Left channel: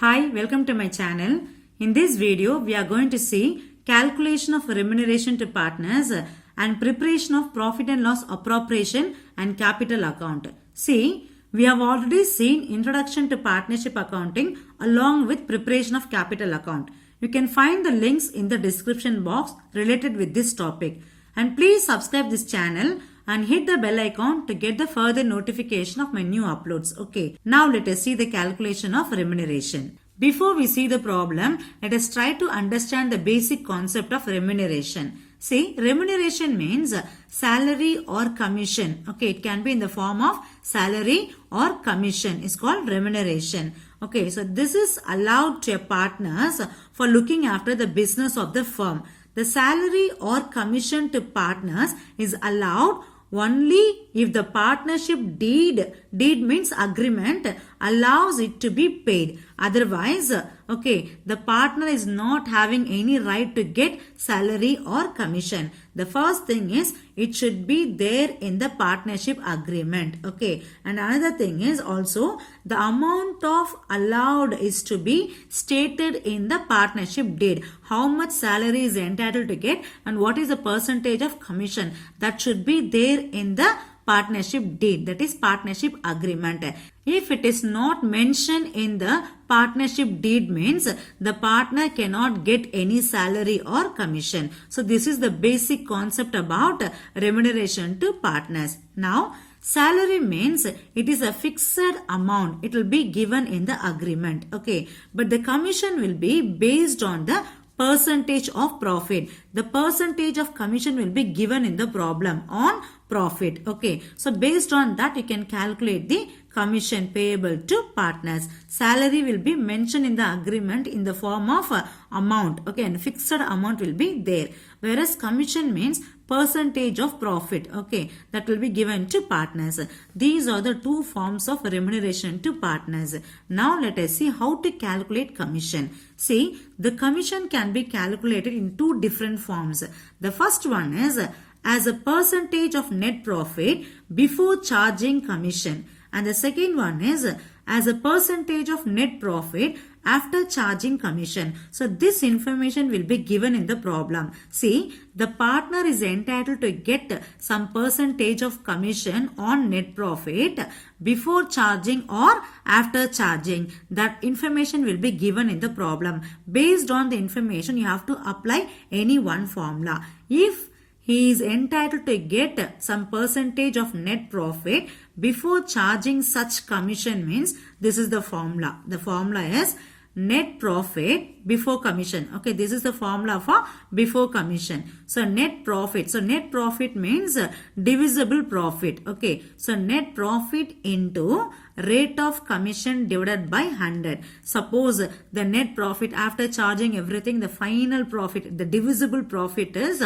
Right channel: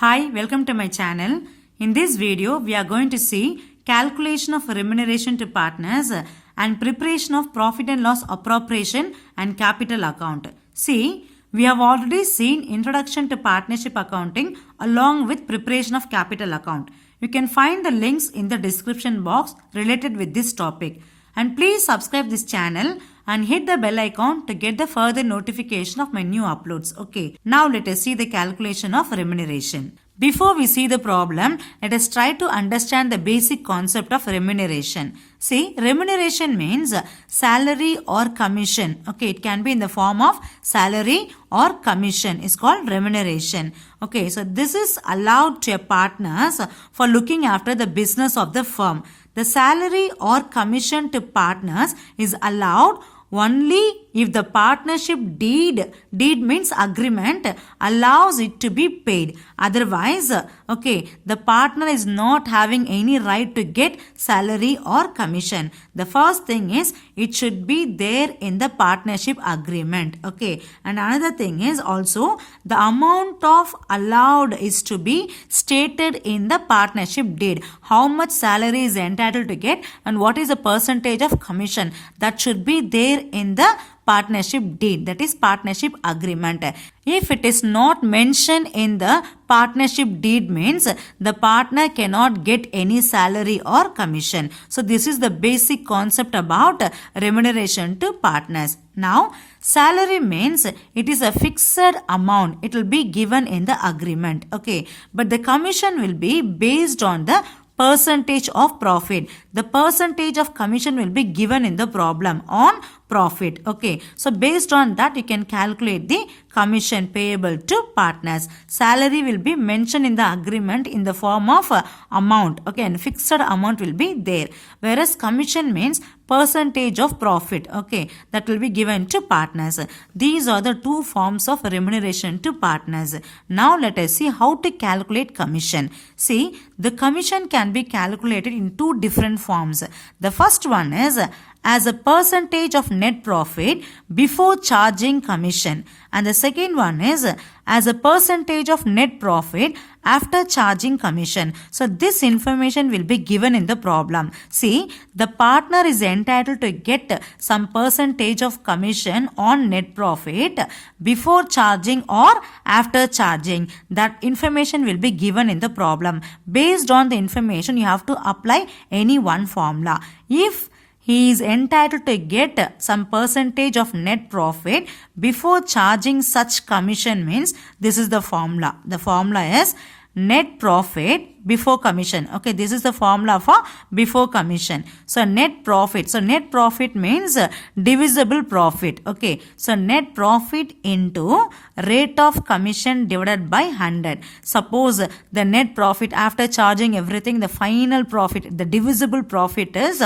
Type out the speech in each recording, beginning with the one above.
Hi, welcome to my channel. In this video, we are going to see calculation of remuneration to partners and preparation of profit and loss appropriation and capital account. See, we have already seen introduction to partnership accounting along with preparation of capital account. You can find the links in the description box related with this topic. And please subscribe this channel and hit the bell icon to get the further notification of my new uploads. Okay, now let us see the calculation of remuneration. Before we see the problem, let us try to understand the basic concept of remuneration. See, remuneration means salary or commission. Okay, it can be in the form of salary or commission. It's called remuneration. Okay, so this is allowed to partners for looking after the business of the firm. The salary or commission to partners is allowed only if the partnership deed means agreement, allows it to be paid. Otherwise, the partner is not having any right to get salary or commission. The first thing is it should be there in the partnership agreement. Okay, and another thing is also the amount of allowed is to be stated in the partnership deed. How much salary is entitled to get and what is the percentage of commission that should be there in the partnership deed, that is partnership agreement. If it is not mentioned in the partnership deed means the partner cannot get any salary or commission. So this is the basic concept about remuneration to partners. Now salary means it is a fixed amount. It will be given in the agreement. Okay, but the commission will be based on the percentage of profit. The percentage of commission will be given in the problem on profit. Okay, so based on that you can calculate the commission payable to partners. Salary will be mentioned in the agreement in the form of amount. Okay, and fixed amount will be there. Whereas commission means percentage of profit. Okay, that will be given to partners. These are the two forms of remuneration to partners. Now let us see how to calculate commission. See, the commission can be calculated in two different forms. The first one is as a percentage of net profit before charging commission, and the second one is as a percentage of net profit after charging commission. So this information will be given in the problem. See, the partner is entitled to get some percentage of commission on net profit before charging or after charging. That information will be given in the problem. Based on the information, you have to apply any one formula. If he is entitled to get some percentage of net profit before charging such commission means this is the formula. The formula is net profit before commission. Okay, this is the formula for before commission. So net profit. So net profit means divisible profit. Okay, so net profit into rate of commission divided by 100. Suppose the net profit after charging everything, the final profit, the divisible profit is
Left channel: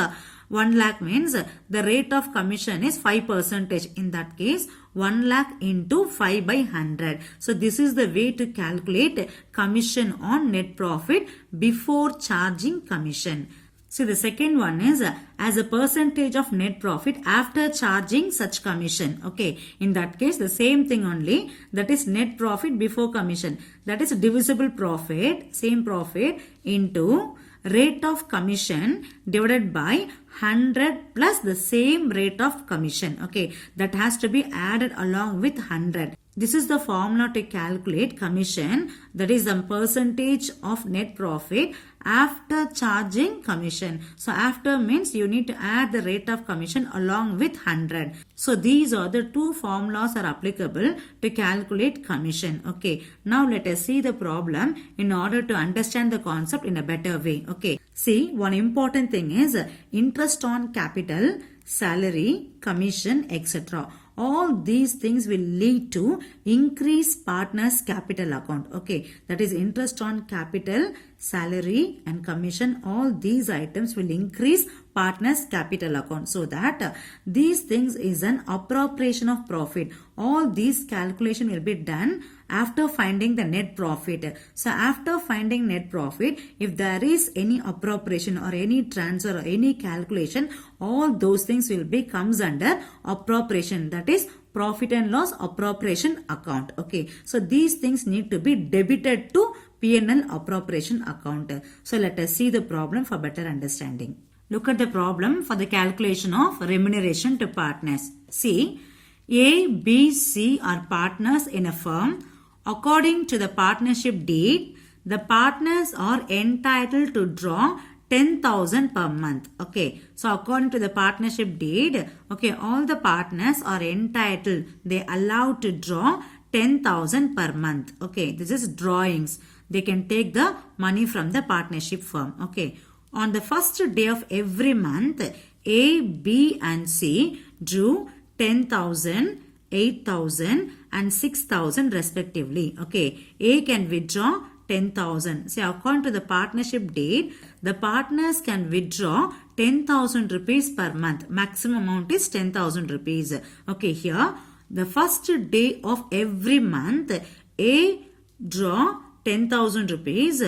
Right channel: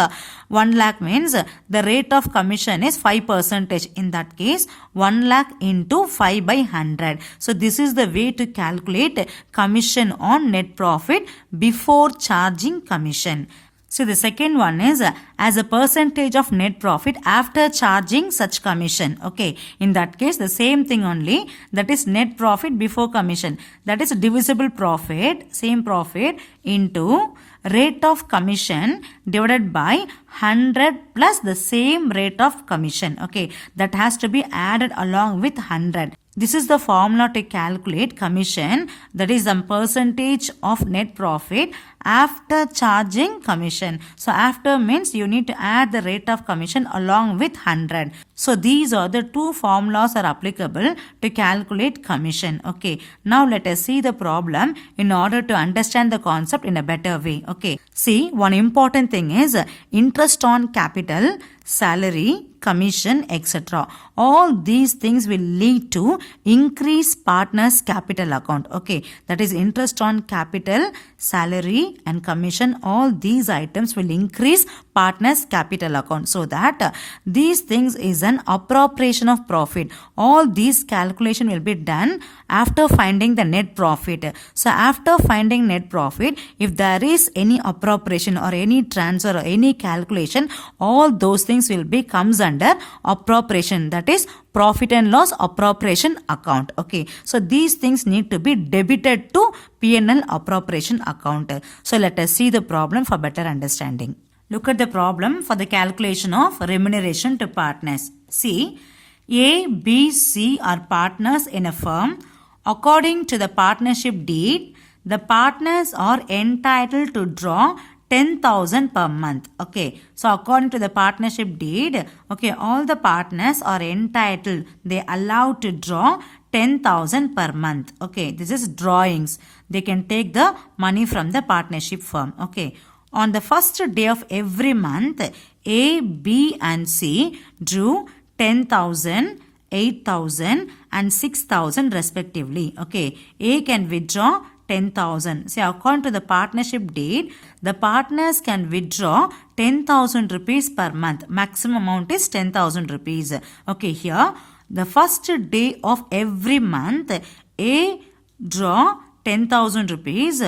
1 lakh means the rate of commission is 5%. In that case, 1 lakh into 5 by 100. So this is the way to calculate commission on net profit before charging commission. So the second one is as a percentage of net profit after charging such commission. Okay, in that case the same thing only, that is net profit before commission, that is divisible profit, same profit into rate of commission divided by 100 plus the same rate of commission. Okay, that has to be added along with 100. This is the formula to calculate commission, that is the percentage of net profit after charging commission. So after means you need to add the rate of commission along with 100. So these are the two formulas are applicable to calculate commission. Okay, now let us see the problem in order to understand the concept in a better way. Okay, see, one important thing is interest on capital, salary, commission, etc. All these things will lead to increase partners capital account. Okay, that is interest on capital, salary and commission. All these items will increase partners capital account. So that these things is an appropriation of profit. All these calculation will be done after finding the net profit. So after finding net profit, if there is any appropriation appropriation or any transfer or any calculation, all those things will be comes under appropriation, that is profit and loss appropriation account. Okay, so these things need to be debited to P&L appropriation account. So let us see the problem for better understanding. Look at the problem for the calculation of remuneration to partners. See, A, B, C are partners in a firm. According to the partnership deed, the partners are entitled to draw 10,000 per month. Okay, so according to the partnership deed, okay, all the partners are entitled, they allowed to draw 10,000 per month. Okay, this is drawings. They can take the money from the partnership firm. Okay, on the first day of every month, A, B and C drew 10,000, 8,000 and 6,000 respectively. Okay, A can withdraw 10,000. See, according to the partnership deed, the partners can withdraw 10,000 rupees per month. Maximum amount is 10,000 rupees. Okay, here the first day of every month, A draw 10,000 rupees,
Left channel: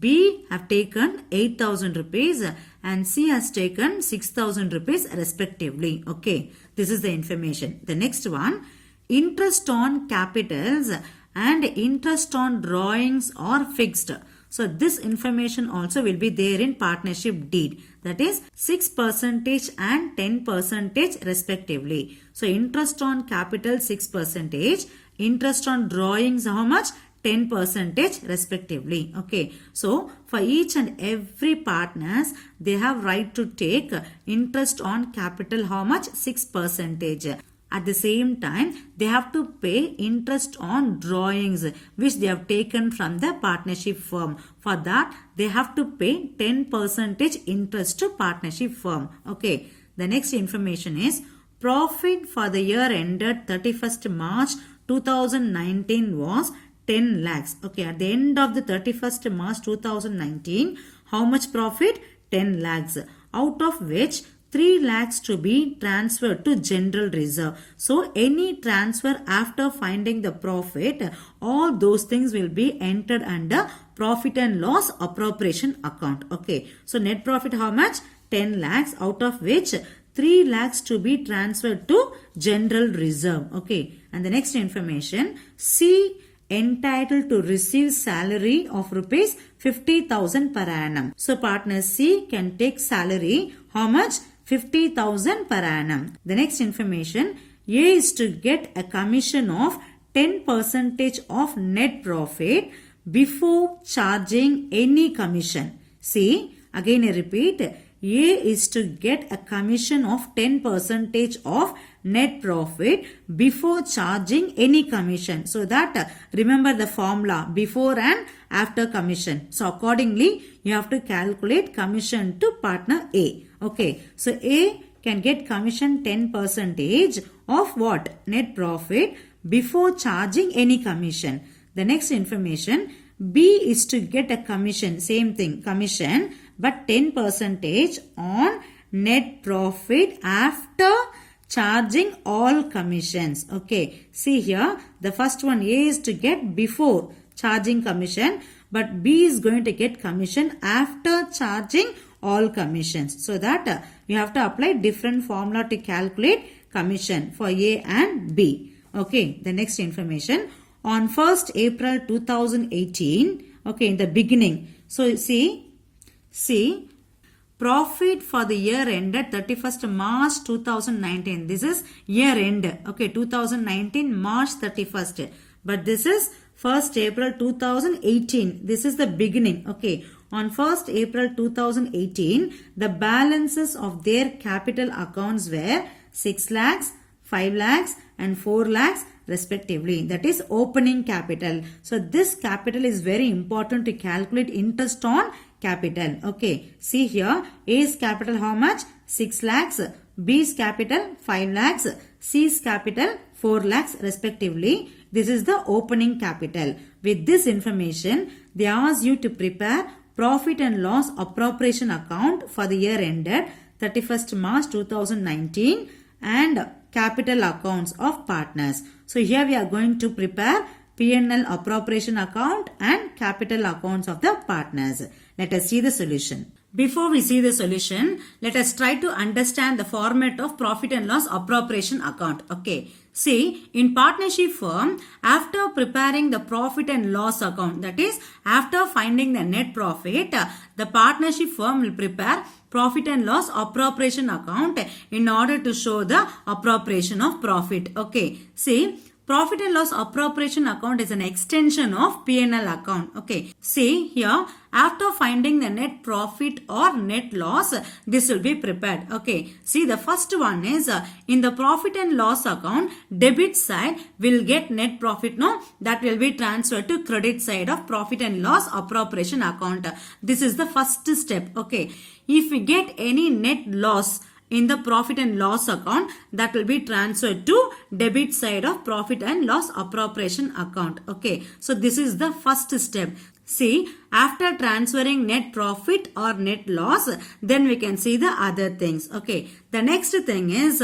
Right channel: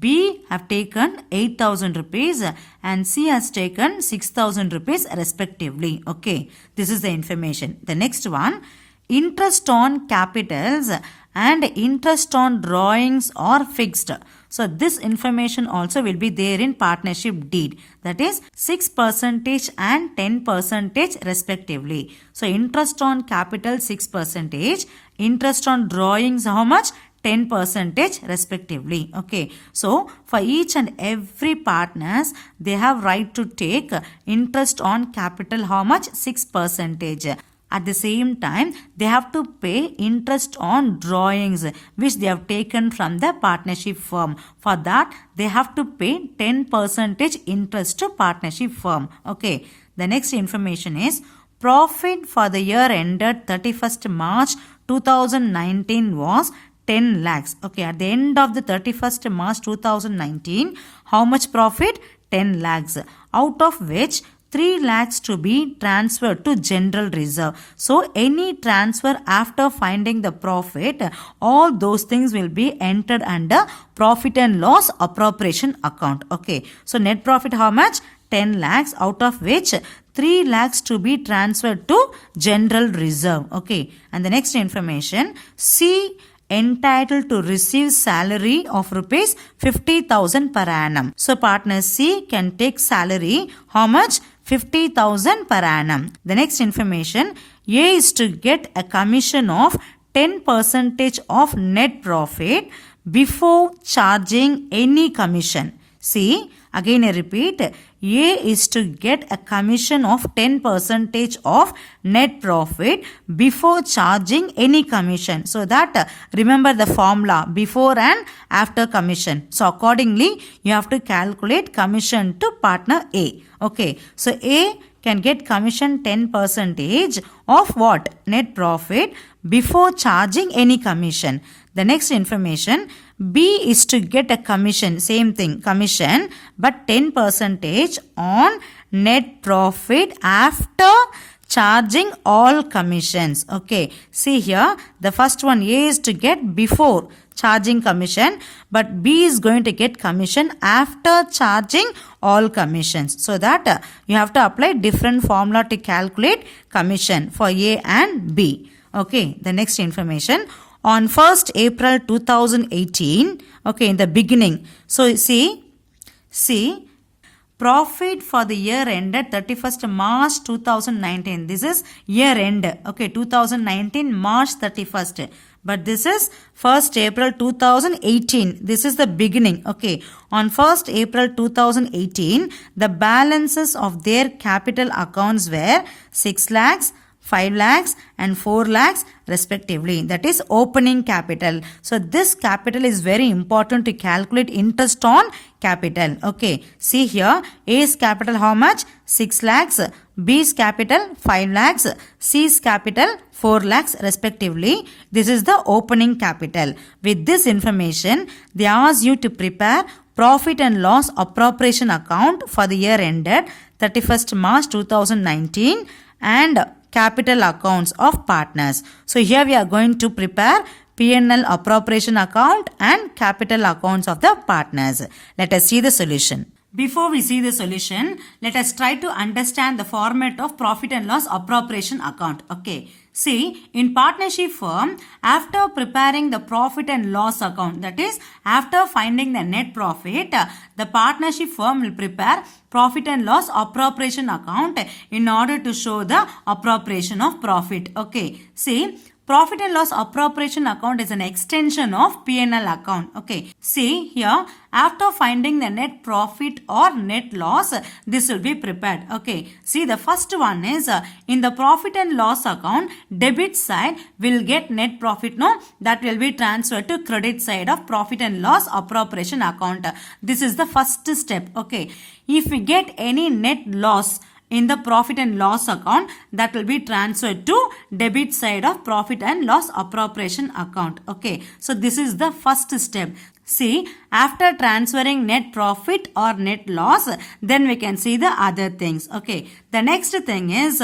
B have taken 8,000 rupees and C has taken 6,000 rupees respectively. Okay, this is the information. The next one, interest on capitals and interest on drawings are fixed. So this information also will be there in partnership deed, that is 6% and 10% respectively. So interest on capital 6%, interest on drawings how much? 10% respectively. Okay, so for each and every partners, they have right to take interest on capital how much? 6%. At the same time, they have to pay interest on drawings which they have taken from the partnership firm. For that, they have to pay 10% interest to partnership firm. Okay, the next information is profit for the year ended 31st March 2019 was 10 lakhs. Okay, at the end of the 31st March 2019, how much profit? 10 lakhs. Out of which 3 lakhs to be transferred to general reserve. So any transfer after finding the profit, all those things will be entered under profit and loss appropriation account. Okay, so net profit how much? 10 lakhs, out of which 3 lakhs to be transferred to general reserve. Okay, and the next information, C entitled to receive salary of rupees 50,000 per annum. So partner C can take salary how much? 50,000 per annum. The next information, A is to get a commission of 10% of net profit before charging any commission. See, again I repeat, A is to get a commission of 10% of net profit before charging any commission. So that remember the formula before and after commission. So accordingly, you have to calculate commission to partner A. Okay, so A can get commission 10% of what? Net profit before charging any commission. The next information, B is to get a commission, same thing, commission, but 10% on net profit after charging all commissions. Okay, see here, the first one, A is to get before charging commission, but B is going to get commission after charging all commissions. So that you have to apply different formula to calculate commission for A and B. Okay, the next information, on 1st April 2018, okay, in the beginning. So see, profit for the year ended 31st March 2019. This is year end. Okay, 2019 March 31st. But this is 1st April 2018. This is the beginning. Okay, on 1st April 2018, the balances of their capital accounts were 6 lakhs, 5 lakhs and 4 lakhs respectively. That is opening capital. So this capital is very important to calculate interest on capital. Okay, see here, A's capital how much? 6 lakhs, B's capital 5 lakhs, C's capital 4 lakhs respectively. This is the opening capital. With this information, they ask you to prepare profit and loss appropriation account for the year ended 31st March 2019 and capital accounts of partners. So here we are going to prepare P&L appropriation account and capital accounts of the partners. Let us see the solution. Before we see the solution, let us try to understand the format of profit and loss appropriation account. Okay. See, in partnership firm, after preparing the profit and loss account, that is, after finding the net profit, the partnership firm will prepare profit and loss appropriation account in order to show the appropriation of profit. Okay. See, profit and loss appropriation account is an extension of P&L account. Okay. See here, after finding the net profit or net loss, this will be prepared. Okay. See, the first one is in the profit and loss account, debit side will get net profit. No, that will be transferred to credit side of profit and loss appropriation account. This is the first step. Okay. If we get any net loss in the profit and loss account, that will be transferred to debit side of profit and loss appropriation account. Okay. So this is the first step. See, after transferring net profit or net loss, then we can see the other things. Okay. The next thing is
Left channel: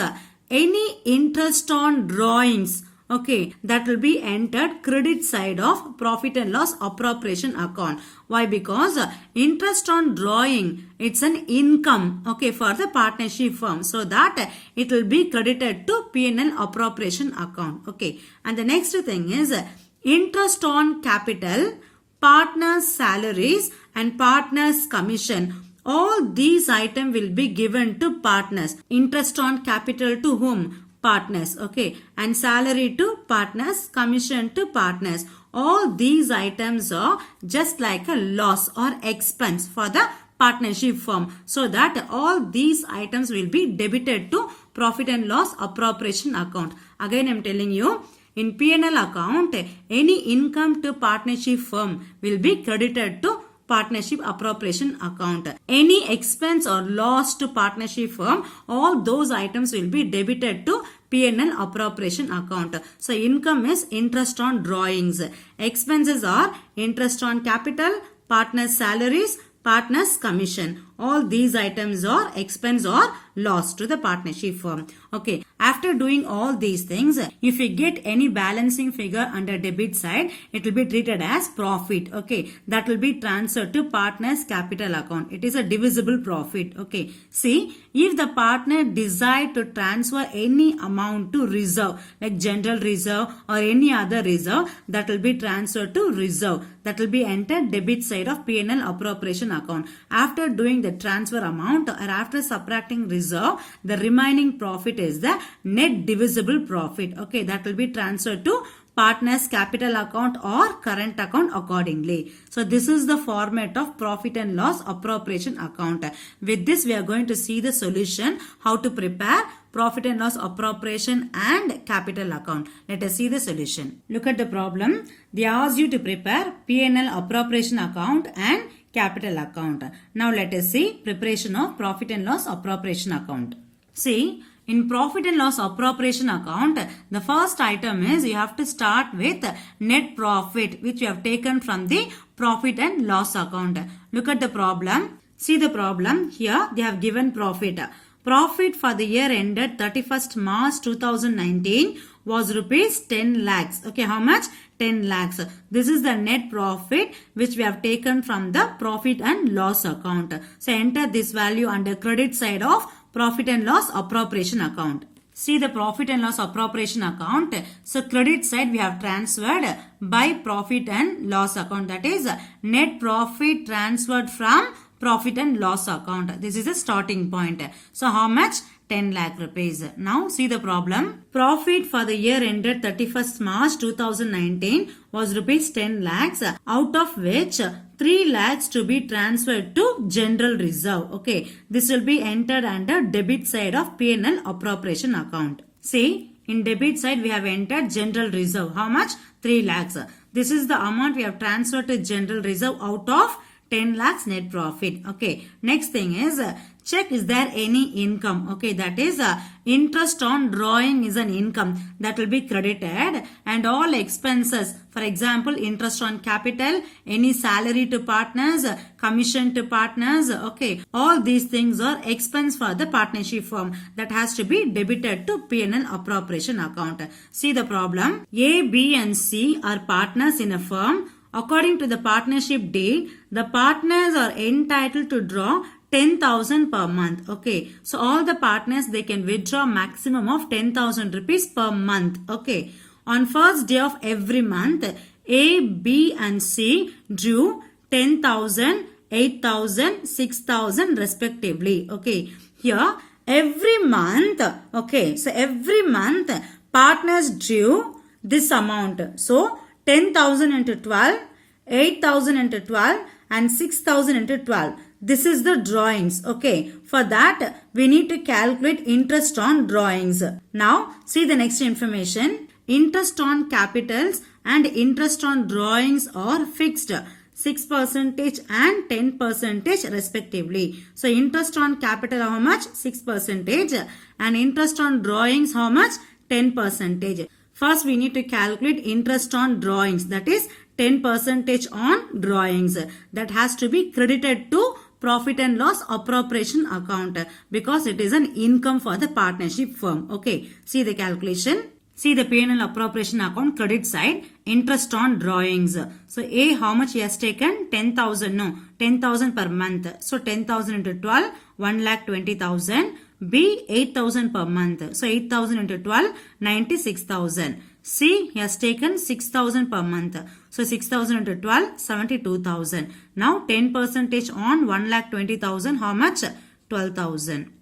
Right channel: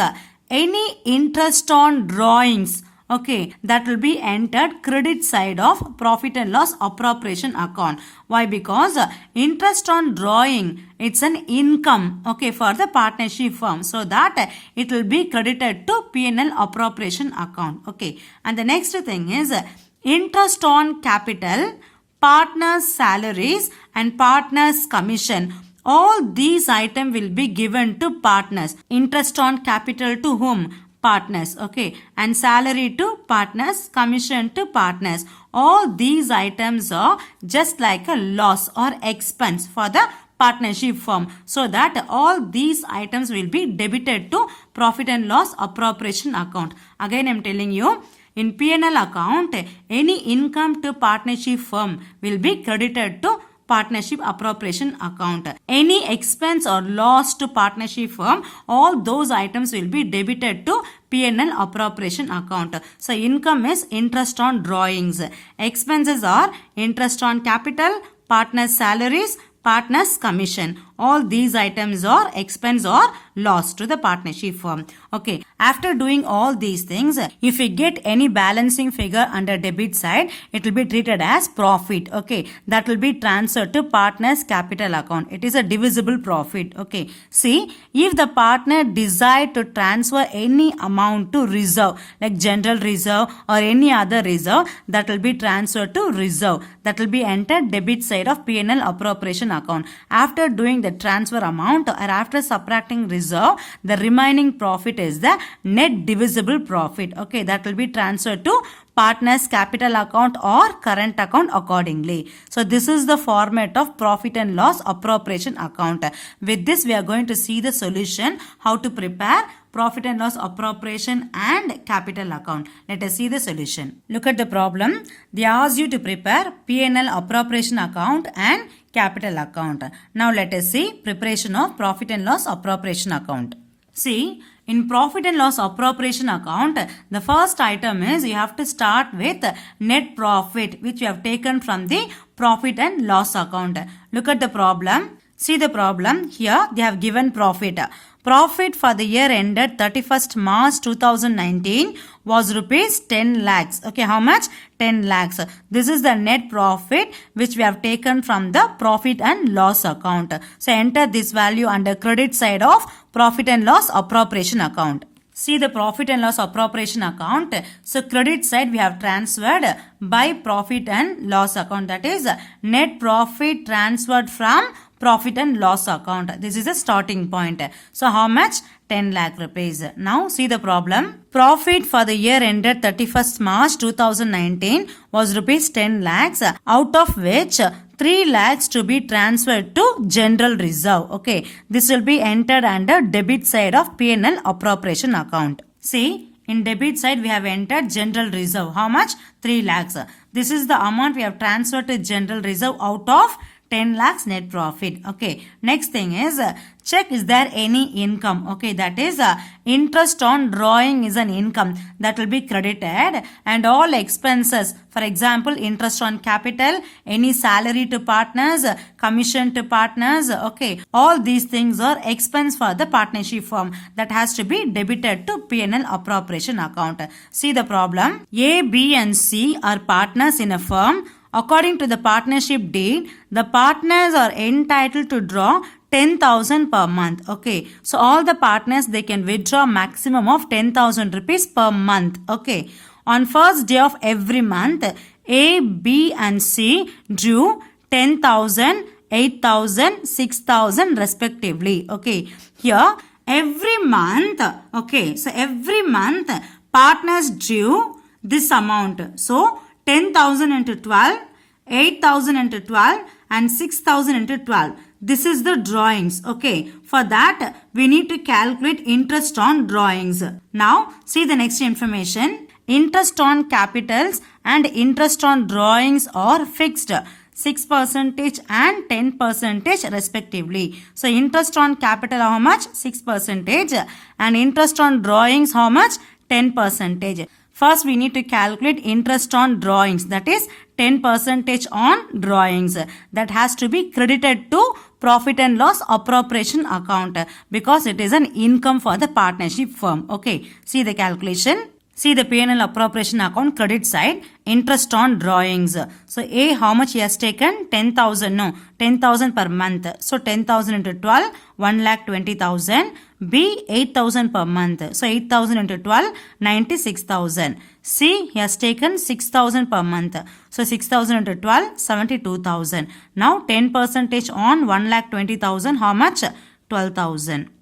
any interest on drawings. Okay, that will be entered credit side of profit and loss appropriation account. Why? Because interest on drawing, it's an income, okay, for the partnership firm. So that it will be credited to P&L appropriation account. Okay, and the next thing is interest on capital, partners' salaries and partners' commission. All these items will be given to partners. Interest on capital to whom? Partners. Okay, and salary to partners, commission to partners. All these items are just like a loss or expense for the partnership firm, so that all these items will be debited to profit and loss appropriation account. Again, I am telling you, in P&L account, any income to partnership firm will be credited to partnership appropriation account. Any expense or loss to partnership firm, all those items will be debited to P&L appropriation account. So income is interest on drawings. Expenses are interest on capital, partners' salaries, partners' commission. All these items are expense or loss to the partnership firm. Okay. After doing all these things, if we get any balancing figure under debit side, it will be treated as profit. Okay. That will be transferred to partner's capital account. It is a divisible profit. Okay. See, if the partner decide to transfer any amount to reserve, like general reserve or any other reserve, that will be transferred to reserve. That will be entered debit side of P&L appropriation account. After doing the transfer amount or after subtracting reserve, the remaining profit is the net divisible profit. Okay, that will be transferred to partner's capital account or current account accordingly. So this is the format of profit and loss appropriation account. With this, we are going to see the solution, how to prepare profit and loss appropriation and capital account. Let us see the solution. Look at the problem. They ask you to prepare P&L appropriation account and capital account. Now let us see preparation of profit and loss appropriation account. See, in profit and loss appropriation account, the first item is you have to start with net profit, which you have taken from the profit and loss account. Look at the problem. See the problem here. They have given profit. Profit for the year ended 31st March 2019 was rupees 10 lakhs. Okay, how much? 10 lakhs. This is the net profit which we have taken from the profit and loss account. So enter this value under credit side of profit and loss appropriation account. See the profit and loss appropriation account. So credit side we have transferred by profit and loss account. That is net profit transferred from profit and loss account. This is a starting point. So how much? 10 lakh rupees. Now see the problem. Profit for the year ended 31st March 2019 was rupees 10 lakhs, out of which 3 lakhs to be transferred to general reserve. Okay, this will be entered under debit side of P&L appropriation account. See, in debit side we have entered general reserve. How much? 3 lakhs. This is the amount we have transferred to general reserve out of 10 lakhs net profit. Okay, next thing is check is there any income. Okay, that is interest on drawing is an income that will be credited, and all expenses, for example interest on capital, any salary to partners, commission to partners, okay, all these things are expense for the partnership firm that has to be debited to P&L appropriation account. See the problem. A, B and C are partners in a firm according to the partnership deed, the partners are entitled to draw 10,000 per month. Okay, so all the partners, they can withdraw maximum of 10,000 rupees per month. Okay, on first day of every month, A, B and C drew 10,000, 8,000, 6,000 respectively. Okay, here every month, okay, so every month partners drew this amount. So 10,000 into 12, 8,000 into 12 and 6,000 into 12. This is the drawings. Okay, for that we need to calculate interest on drawings. Now see the next information. Interest on capitals and interest on drawings are fixed 6% and 10% respectively. So interest on capital how much? 6% and interest on drawings how much? 10%. First we need to calculate interest on drawings, that is 10% on drawings. That has to be credited to profit and loss appropriation account because it is an income for the partnership firm. Okay, see the calculation. See the P&L appropriation account credit side, interest on drawings. So A, how much he has taken? 10,000. No, 10,000 per month. So 10,000 into 12, 1,20,000. B, 8,000 per month. So 8,000 into 12, 96,000. C, he has taken 6,000 per month. So 6,000 into 12, 72,000. Now 10% on 1,20,000, how much? 12,000.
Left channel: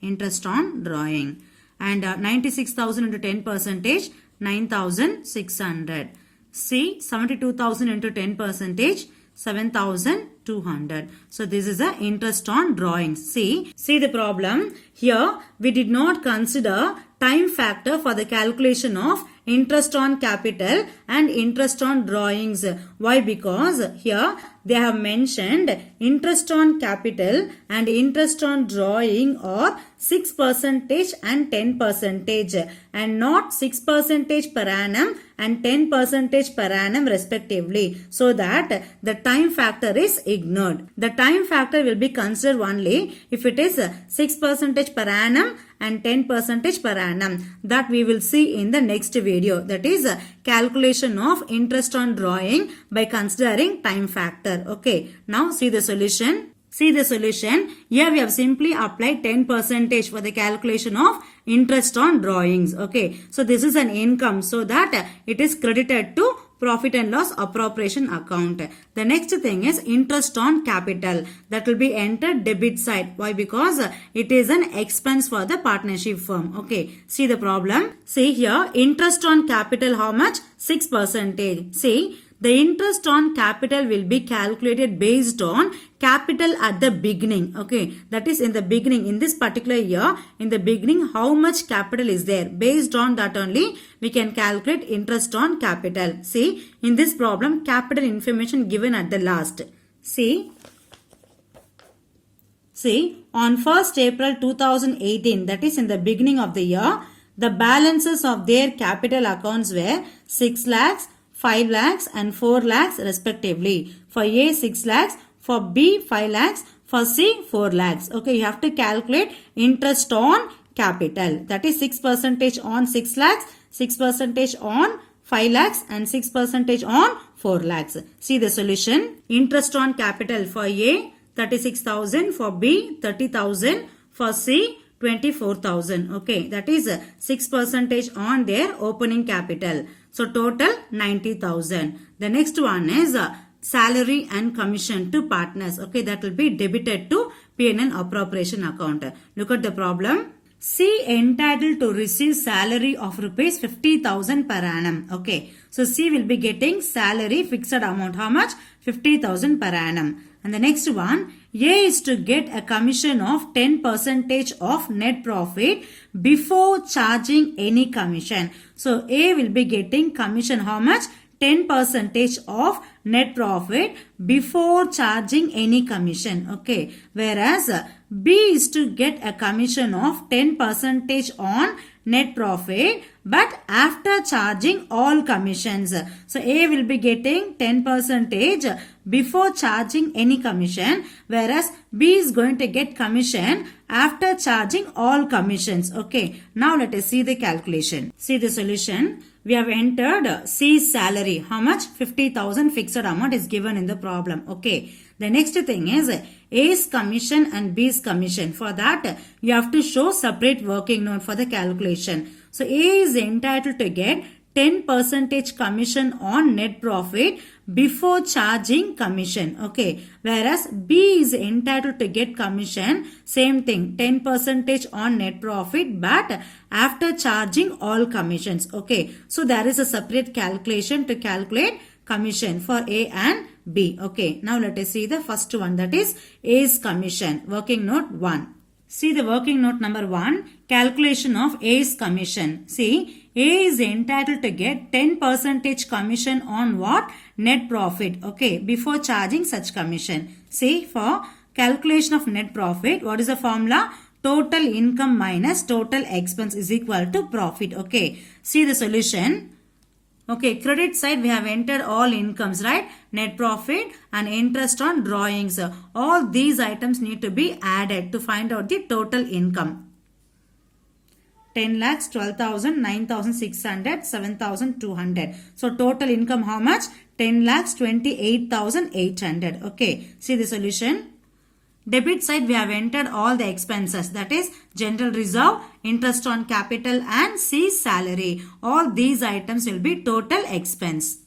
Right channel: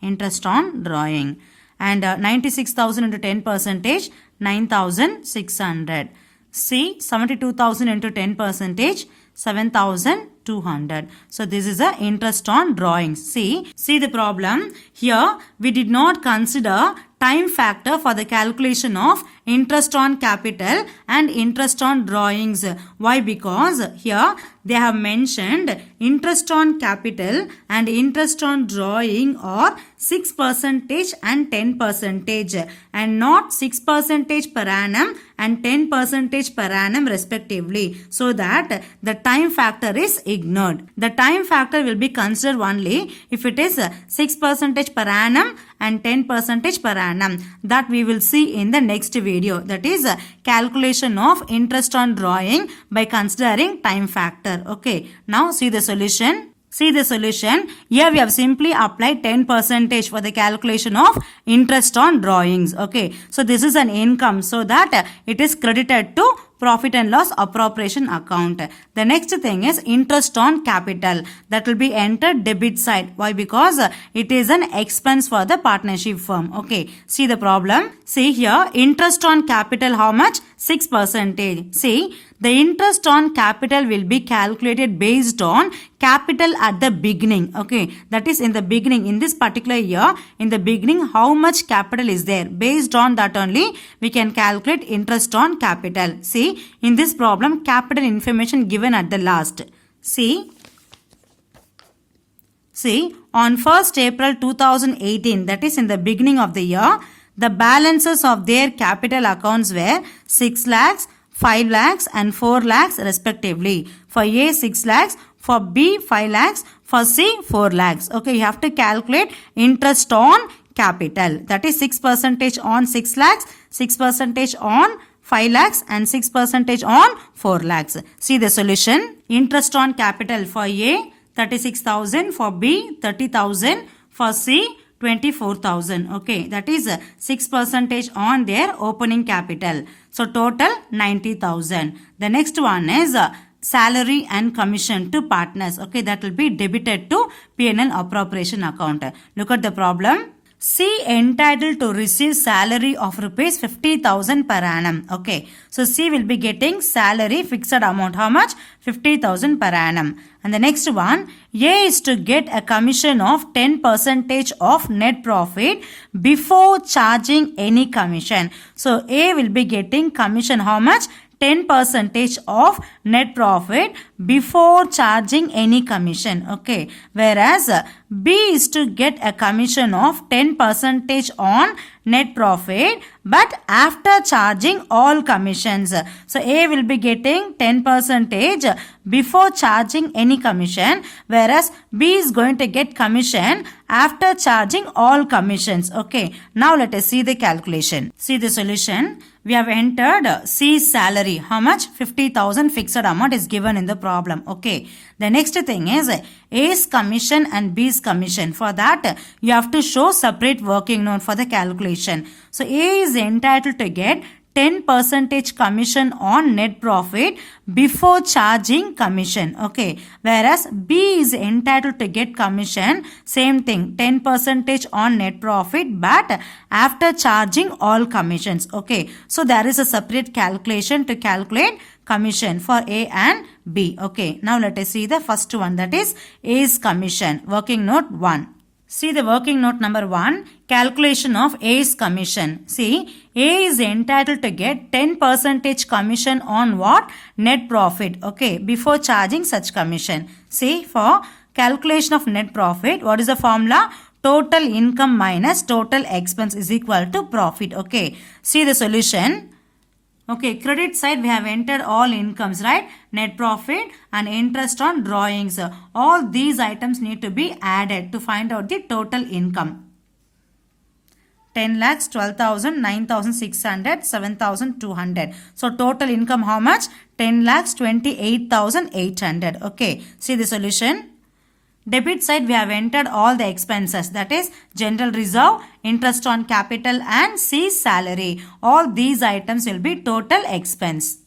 Interest on drawing. And 96,000 into 10%, 9,600. C, 72,000 into 10%, 7,200. So this is the interest on drawings. See the problem. Here we did not consider time factor for the calculation of interest on capital and interest on drawings. Why? Because here they have mentioned interest on capital and interest on drawing are 6% and 10% and not 6% per annum and 10% per annum respectively, so that the time factor is ignored. The time factor will be considered only if it is 6% per annum and 10% per annum. That we will see in the next video. That is calculation of interest on drawing by considering time factor. Okay, now see the solution. See the solution. Here we have simply applied 10% for the calculation of interest on drawings. Okay, so this is an income, so that it is credited to profit and loss appropriation account. The next thing is interest on capital. That will be entered debit side. Why? Because it is an expense for the partnership firm. Okay, see the problem. See here, interest on capital how much? 6%. See, the interest on capital will be calculated based on capital at the beginning. Okay, that is in the beginning, in this particular year, in the beginning how much capital is there. Based on that only we can calculate interest on capital. See, in this problem capital information given at the last. See, on 1st April 2018, that is in the beginning of the year, the balances of their capital accounts were 6 lakhs, 5 lakhs and 4 lakhs respectively. For A 6 lakhs, for B 5 lakhs, for C 4 lakhs. Okay, you have to calculate interest on capital. That is 6% on 6 lakhs, 6% on 5 lakhs and 6% on 4 lakhs. See the solution. Interest on capital for A 36,000, for B 30,000, for C 24,000. Okay, that is 6% on their opening capital. So total 90,000. The next one is salary and commission to partners. Okay, that will be debited to P&L appropriation account. Look at the problem. C entitled to receive salary of rupees 50,000 per annum. Okay, so C will be getting salary fixed amount. How much? 50,000 per annum. And the next one, A is to get a commission of 10% of net profit before charging any commission. So A will be getting commission how much? 10% of net profit before charging any commission. Okay, whereas B is to get a commission of 10% on net profit but after charging all commissions. So A will be getting 10% before charging any commission, whereas B is going to get commission after charging all commissions. Okay, now let us see the calculation. See the solution. We have entered C's salary. How much? 50,000 fixed amount is given in the problem. Okay. The next thing is A's commission and B's commission. For that, you have to show separate working note for the calculation. So A is entitled to get 10% commission on net profit before charging commission. Okay. Whereas B is entitled to get commission, same thing, 10% on net profit, but after charging all commissions. Okay. So there is a separate calculation to calculate commission for A and B. Okay. Now let us see the first one, that is A's commission. Working note 1. See the working note number 1, calculation of A's commission. See, A is entitled to get 10% commission on what? Net profit. Okay, before charging such commission. See, for calculation of net profit, what is the formula? Total income minus total expense is equal to profit. Okay, see the solution. Okay, credit side we have entered all incomes, right? Net profit and interest on drawings. All these items need to be added to find out the total income. 10 lakhs, 12,000, 9,600, 7,200. So total income how much? 10 lakhs, 28,800. Okay, see the solution. Debit side we have entered all the expenses, that is general reserve, interest on capital and C's salary. All these items will be total expense.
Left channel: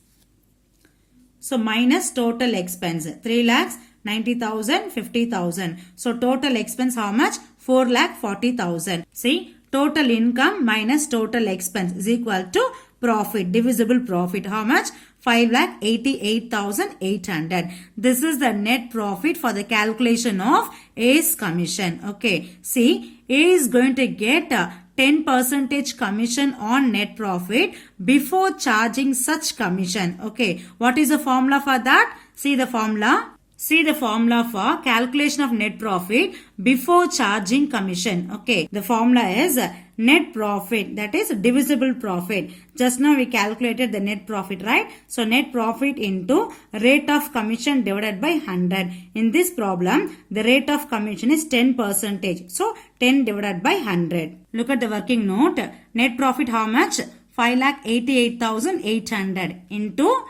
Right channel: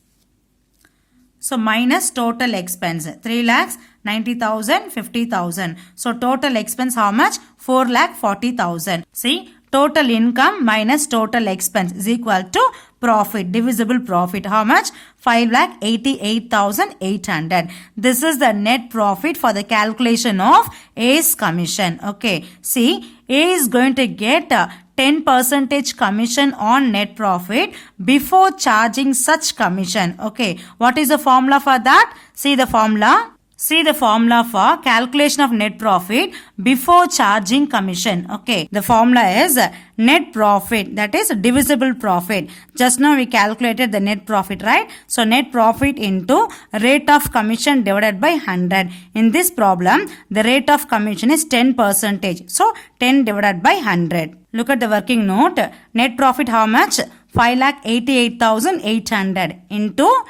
So minus total expense 3 lakhs, 90,000, 50,000. So total expense how much? 4 lakh 40,000. See, total income minus total expense is equal to profit, divisible profit. How much? 5,88,800. This is the net profit for the calculation of A's commission. Okay. See, A is going to get 10% commission on net profit before charging such commission. Okay. What is the formula for that? See the formula. See the formula for calculation of net profit before charging commission. Okay. The formula is net profit, that is divisible profit. Just now we calculated the net profit, right? So net profit into rate of commission divided by 100. In this problem, the rate of commission is 10%. So 10 divided by 100. Look at the working note. Net profit how much? 5,88,800 into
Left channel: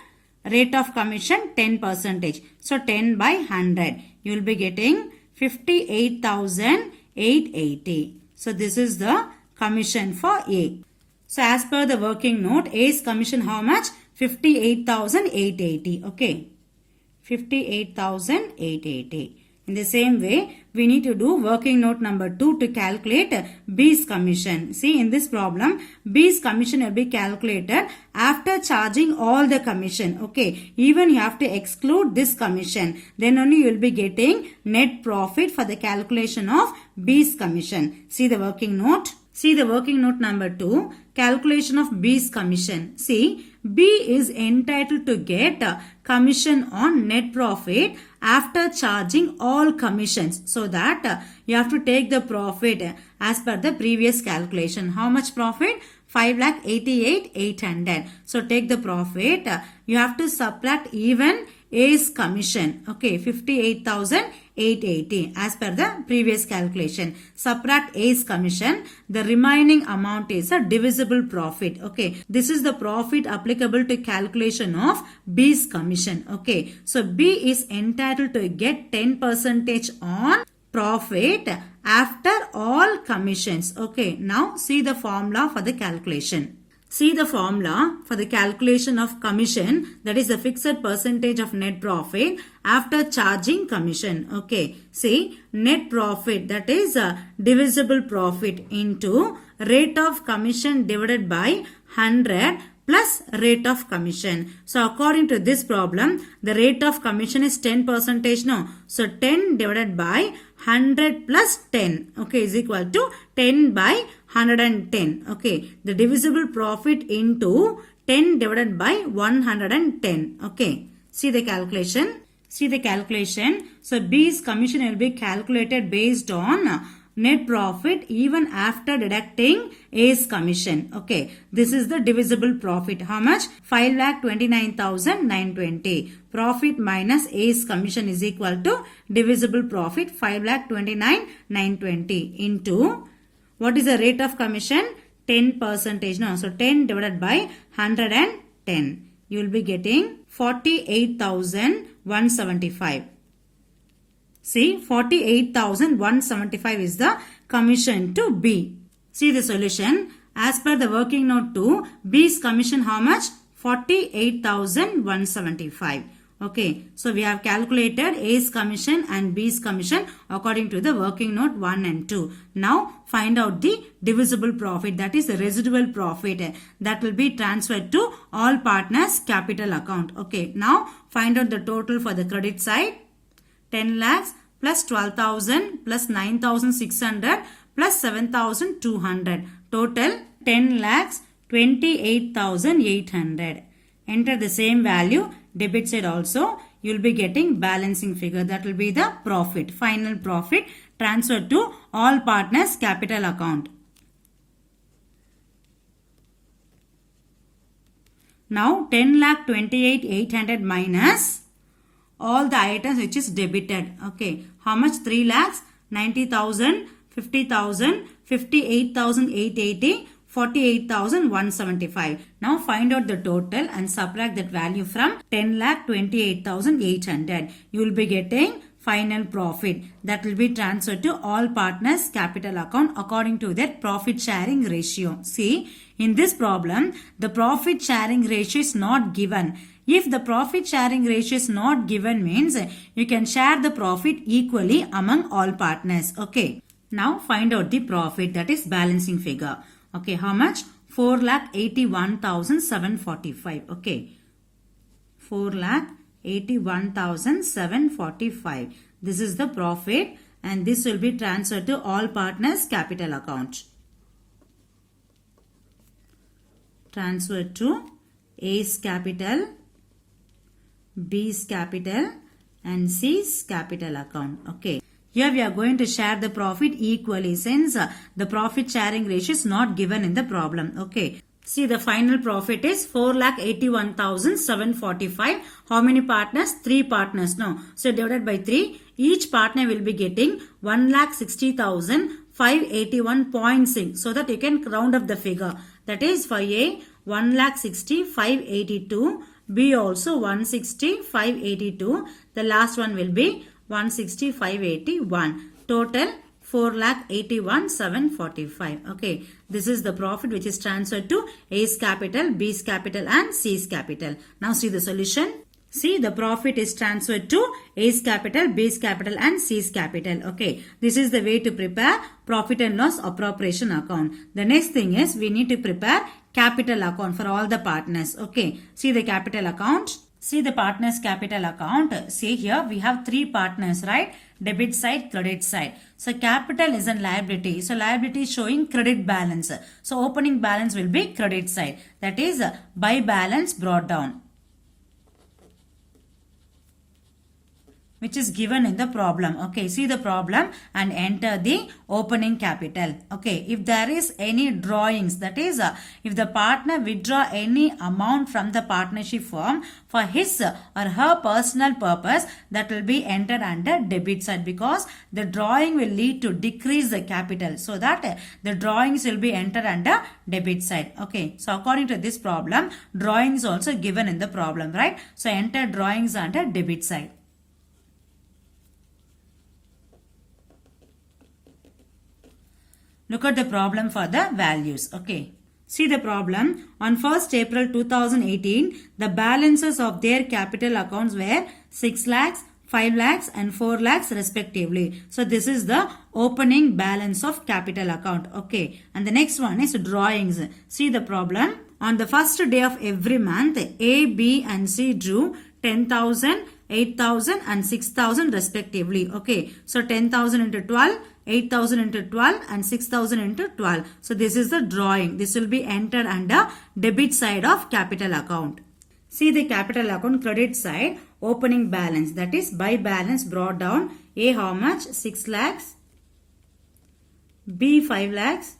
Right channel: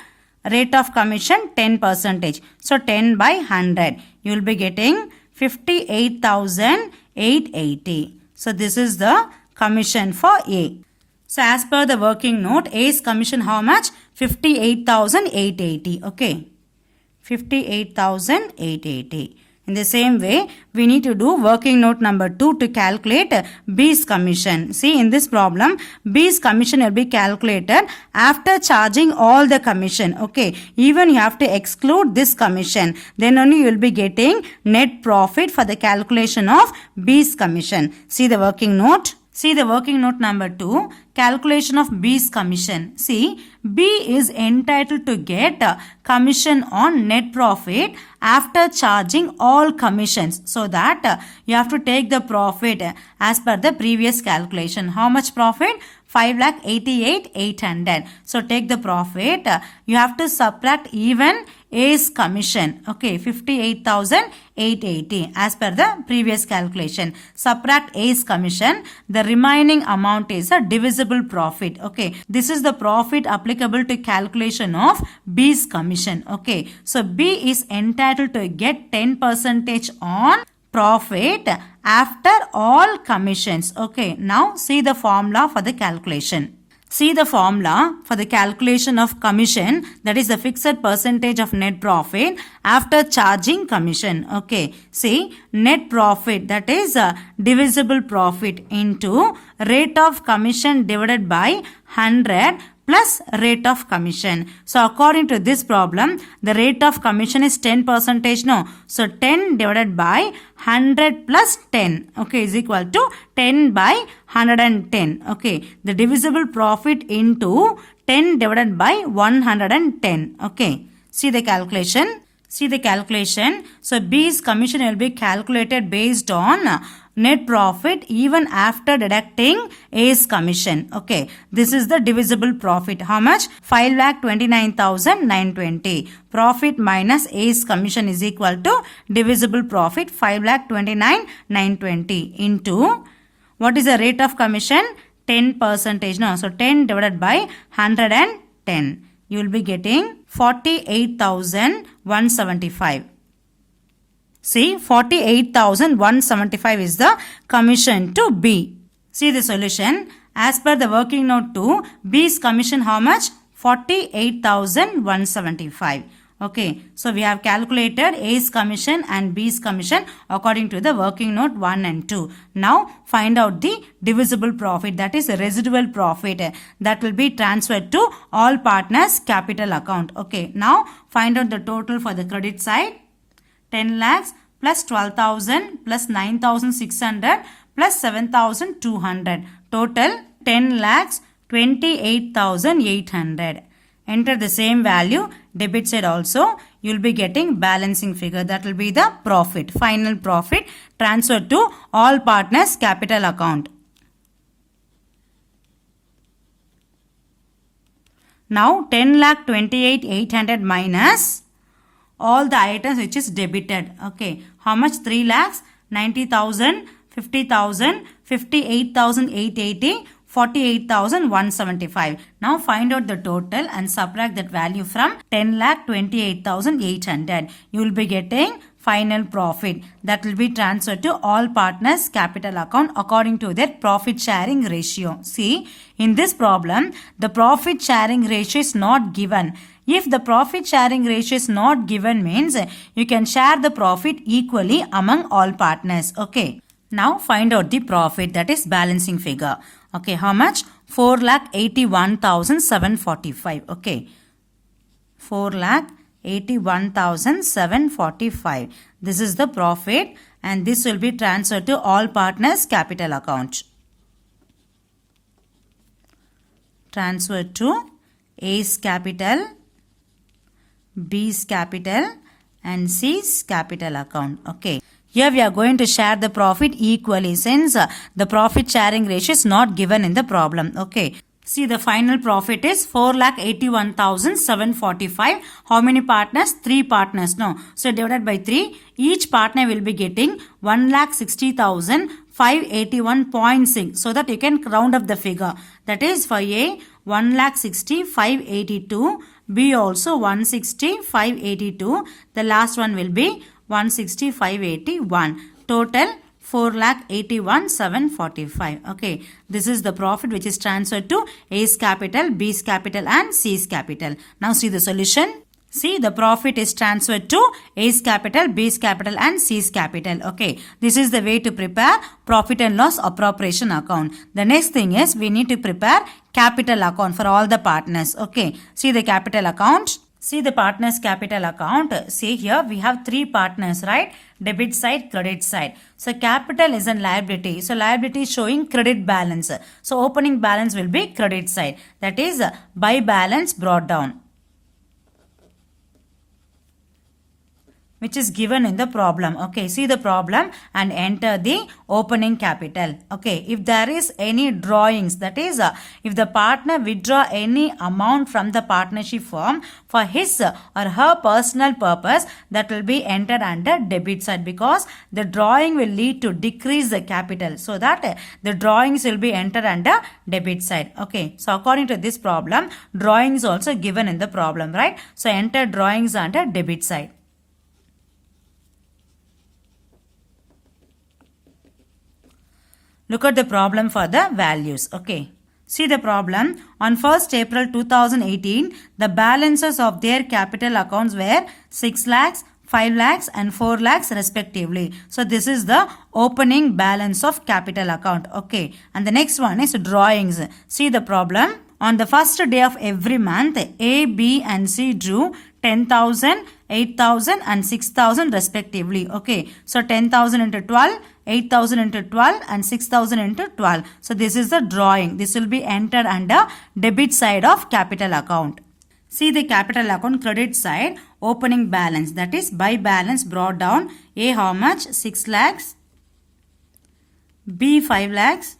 rate of commission 10%. So 10 by 100. You will be getting 58,880. So this is the commission for A. So as per the working note, A's commission how much? 58,880. Okay. 58,880. In the same way, we need to do working note number 2 to calculate B's commission. See, in this problem, B's commission will be calculated after charging all the commission. Okay, even you have to exclude this commission. Then only you will be getting net profit for the calculation of B's commission. See the working note. See the working note number 2, calculation of B's commission. See, B is entitled to get commission on net profit after charging all commissions. So that you have to take the profit as per the previous calculation. How much profit? 5,88,800. So take the profit. You have to subtract even A's commission. Okay, 58,880 as per the previous calculation. Subtract A's commission. The remaining amount is a divisible profit. Okay, this is the profit applicable to calculation of B's commission. Okay, so B is entitled to get 10% on profit after all commissions. Okay, now see the formula for the calculation. See the formula for the calculation of commission, that is the fixed percentage of net profit after charging commission. Okay, see, net profit, that is divisible profit into rate of commission divided by 100 plus rate of commission. So according to this problem, the rate of commission is 10%. No, so 10 divided by 100 plus 10, okay, is equal to 10 by 110. Okay, the divisible profit into 10 divided by 110. Okay, see the calculation. See the calculation. So B's commission will be calculated based on net profit even after deducting A's commission. Okay, this is the divisible profit. How much? 5,29,920. Profit minus A's commission is equal to divisible profit 5,29,920 into what is the rate of commission? 10%. No, so 10 divided by 110. You will be getting 48,175. See, 48,175 is the commission to B. See the solution. As per the working note 2, B's commission how much? 48,175. Okay, so we have calculated A's commission and B's commission according to the working note 1 and 2. Now find out the divisible profit, that is residual profit, that will be transferred to all partners capital account. Okay, now find out the total for the credit side. 10 lakhs plus 12,000 plus 9,600 plus 7,200. Total 10 lakhs 28,800. Enter the same value. Debit side also you will be getting balancing figure, that will be the profit, final profit transferred to all partners capital account. Now 10,28,800 minus all the items which is debited. Okay, how much? 3 lakhs, 90,000, 50,000, 58,880, 48,175. Now find out the total and subtract that value from 10,28,800. You will be getting final profit that will be transferred to all partners capital account according to their profit sharing ratio. See, in this problem, the profit sharing ratio is not given. If the profit sharing ratio is not given means you can share the profit equally among all partners. Okay. Now find out the profit, that is balancing figure. Okay, how much? 4,81,745. Okay, 4,81,745. This is the profit and this will be transferred to all partners capital account. Transferred to A's capital, B's capital and C's capital account. Okay. Here we are going to share the profit equally since the profit sharing ratio is not given in the problem. Okay. See, the final profit is 4,81,745. How many partners? 3 partners. No. So divided by 3. Each partner will be getting 1,60,581.6. So that you can round up the figure. That is for A 1,60,582. B also 160,582. The last one will be 160,581. Total 4,81,745. Okay, this is the profit which is transferred to A's capital, B's capital and C's capital. Now see the solution. See, the profit is transferred to A's capital, B's capital and C's capital. Okay, this is the way to prepare profit and loss appropriation account. The next thing is we need to prepare capital account for all the partners. Okay, see the capital account. See the partners capital account. See here we have 3 partners, right? Debit side, credit side. So capital is a liability. So liability is showing credit balance. So opening balance will be credit side. That is by balance brought down, which is given in the problem. Okay, see the problem and enter the opening capital. Okay, if there is any drawings, that is if the partner withdraw any amount from the partnership firm for his or her personal purpose, that will be entered under debit side because the drawing will lead to decrease the capital. So that the drawings will be entered under debit side. Okay, so according to this problem, drawings also given in the problem, right? So enter drawings under debit side. Look at the problem for the values. Okay. See the problem. On 1st April 2018, the balances of their capital accounts were 6 lakhs, 5 lakhs and 4 lakhs respectively. So this is the opening balance of capital account. Okay. And the next one is drawings. See the problem. On the first day of every month, A, B and C drew 10,000, 8,000 and 6,000 respectively. Okay. So 10,000 into 12. 8,000 into 12 and 6,000 into 12. So this is the drawing. This will be entered under debit side of capital account. See the capital account credit side, opening balance, that is by balance brought down. A how much? 6 lakhs. B 5 lakhs,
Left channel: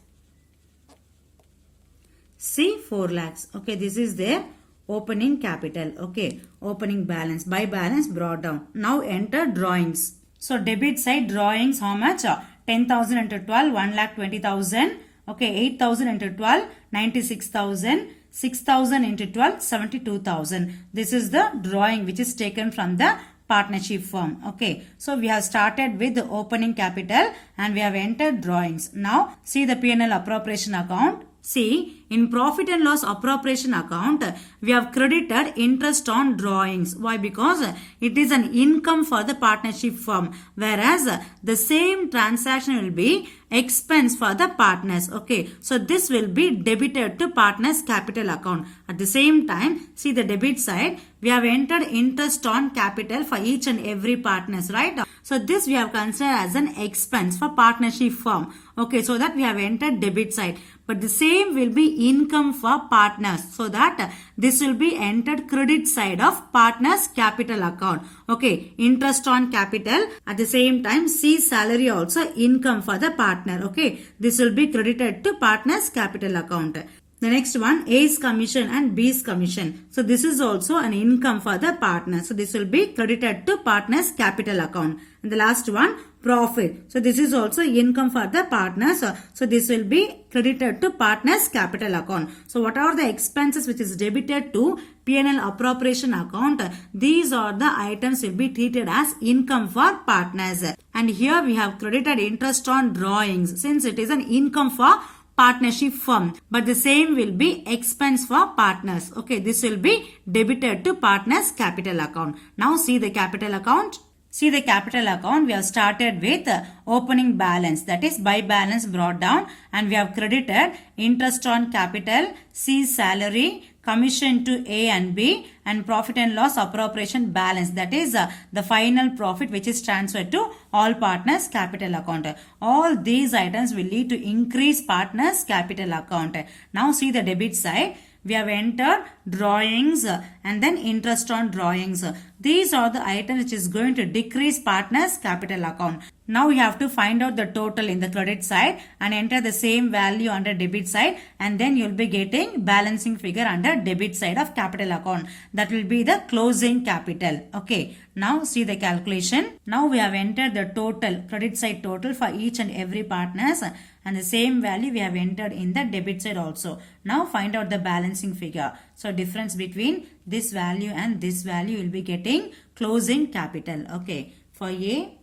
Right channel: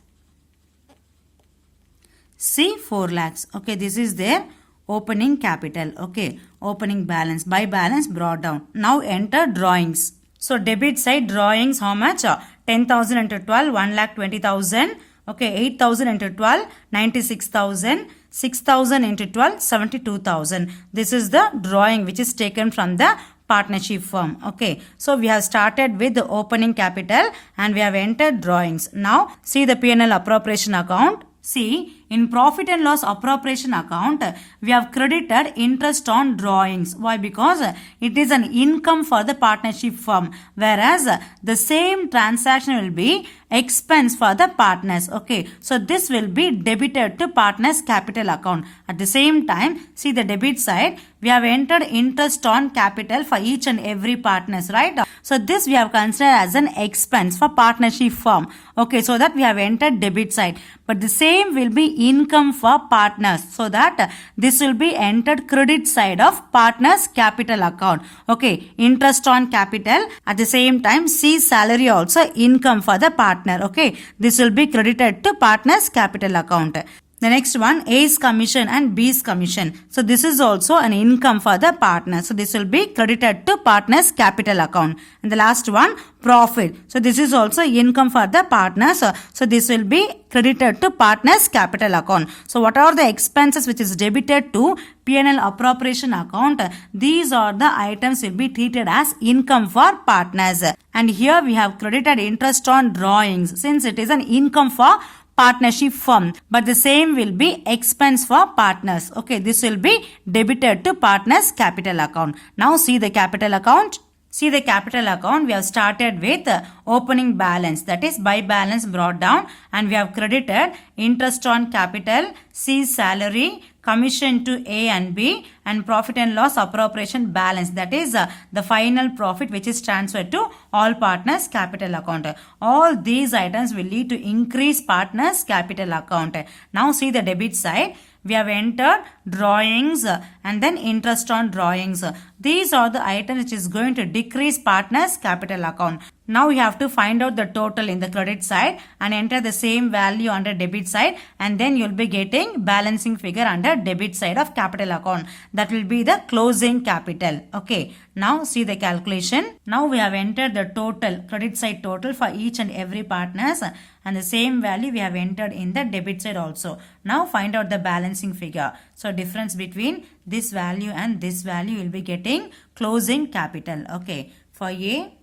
C 4 lakhs. Okay, this is their opening capital. Okay, opening balance. By balance brought down. Now enter drawings. So debit side drawings, how much? 10,000 into 12, 1,20,000. Okay, 8,000 into 12, 96,000. 6,000 into 12, 72,000. This is the drawing which is taken from the partnership firm. Okay, so we have started with the opening capital and we have entered drawings. Now see the P&L appropriation account. See, in profit and loss appropriation account, we have credited interest on drawings. Why? Because it is an income for the partnership firm, whereas the same transaction will be expense for the partners. Okay, so this will be debited to partners capital account. At the same time, see the debit side, we have entered interest on capital for each and every partners, right? So this we have considered as an expense for partnership firm. Okay, so that we have entered debit side. But the same will be income for partners. So that this will be entered credit side of partners capital account. Okay, interest on capital. At the same time, see salary also income for the partner. Okay, this will be credited to partners capital account. The next one, A's commission and B's commission. So this is also an income for the partner. So this will be credited to partner's capital account. And the last one, profit. So this is also income for the partners. So this will be credited to partner's capital account. So what are the expenses which is debited to P&L appropriation account? These are the items will be treated as income for partners. And here we have credited interest on drawings since it is an income for partnership firm, but the same will be expense for partners. Okay, this will be debited to partners capital account. Now see the capital account. See the capital account, we have started with opening balance, that is by balance brought down, and we have credited interest on capital, C salary, commission to A and B, and profit and loss appropriation balance, that is the final profit which is transferred to all partners capital account. All these items will lead to increase partners capital account. Now see the debit side. We have entered drawings and then interest on drawings. These are the items which is going to decrease partners capital account. Now you have to find out the total in the credit side and enter the same value under debit side, and then you will be getting balancing figure under debit side of capital account. That will be the closing capital. Okay. Now see the calculation. Now we have entered the total, credit side total for each and every partners, and the same value we have entered in the debit side also. Now find out the balancing figure. So difference between this value and this value will be getting closing capital. Okay. For A,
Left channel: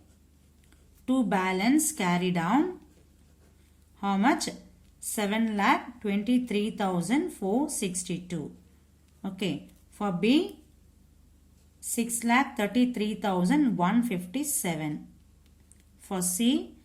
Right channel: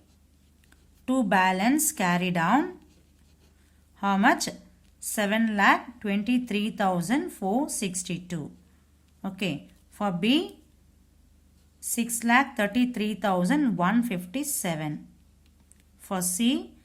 to balance carry down, how much? 7,23,462. Okay. For B, 6,33,157. For C,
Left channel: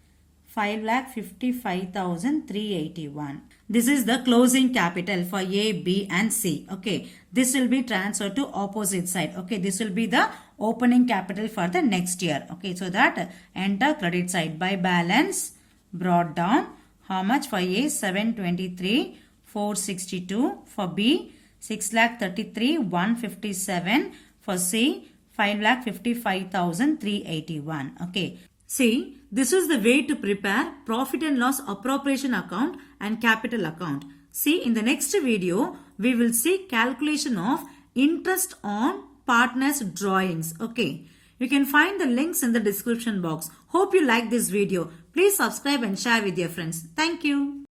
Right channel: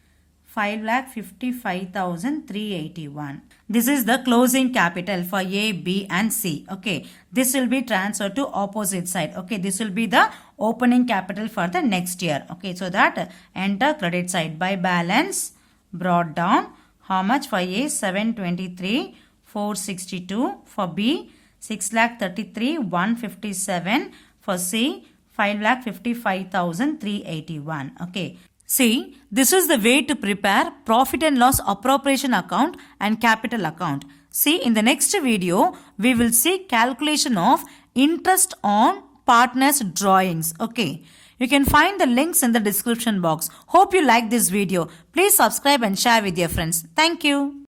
5,55,381. This is the closing capital for A, B and C. Okay. This will be transferred to opposite side. Okay. This will be the opening capital for the next year. Okay. So that enter credit side by balance brought down. How much for A? 723,462. For B, 6,33,157. For C, 5,55,381. Okay. See, this is the way to prepare profit and loss appropriation account and capital account. See, in the next video, we will see calculation of interest on partners drawings. Okay. You can find the links in the description box. Hope you like this video. Please subscribe and share with your friends. Thank you.